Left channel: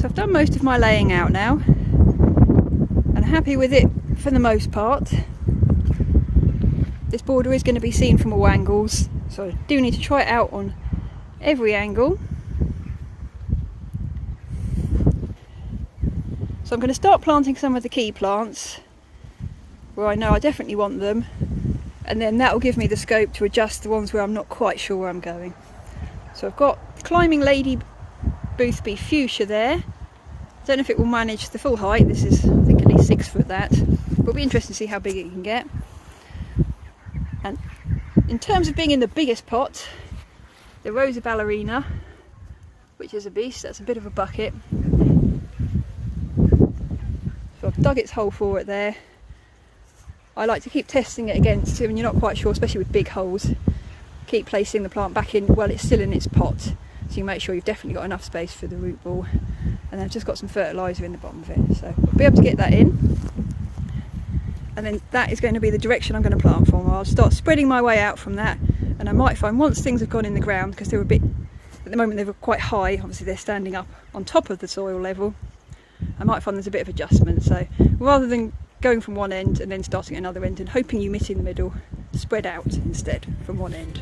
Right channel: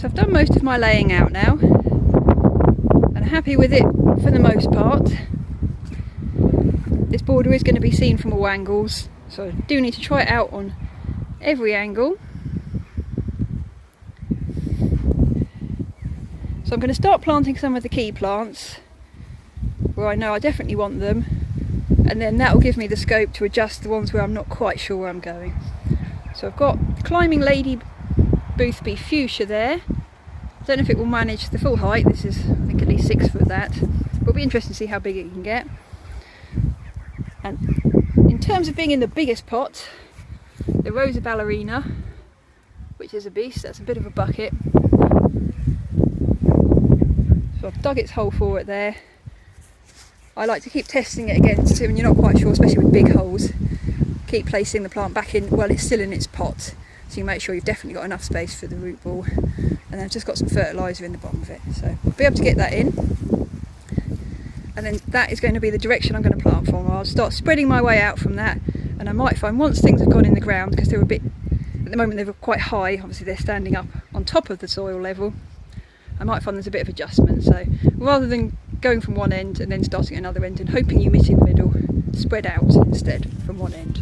So I've done most of my laying out now, and happy with it for the most part. This border is going to be seen from all angles, so I do need to try it out on every angle. So I'm going to start planting some of the key plants where I know I definitely want them, and then that will give me the scope to adjust the ones where I'm not quite sure where I'm going. So I've got Climbing Lady Boothby Fuchsia there. I don't know if it will manage the full height. This is, I think, at least 6 foot that, but it'll be interesting to see how big it can get. And in terms of being in the biggest pot, the Rosa Ballerina, which is a beast. That's a bit of a bucket. So I've dug its hole for it there. I like to keep testing it against it when you're not quite sure, especially with big holes. Keep placing the plant back in while it's still in its pot, so you make sure you've definitely got enough space for the root ball. And then I've just got some fertiliser in the bottom of it, so I'll be able to get that in. And then that is going to be the direction I'm going to plant from. I'll start spreading my way out from that, and I might find once things have gone in the ground, because they're a bit, at the moment they're quite high, obviously they're standing up on top of the soil level, I might find there's a bit of adjustment. So rather than going from one end and then starting at another end and hoping you meet in the middle, spread out instead from one end.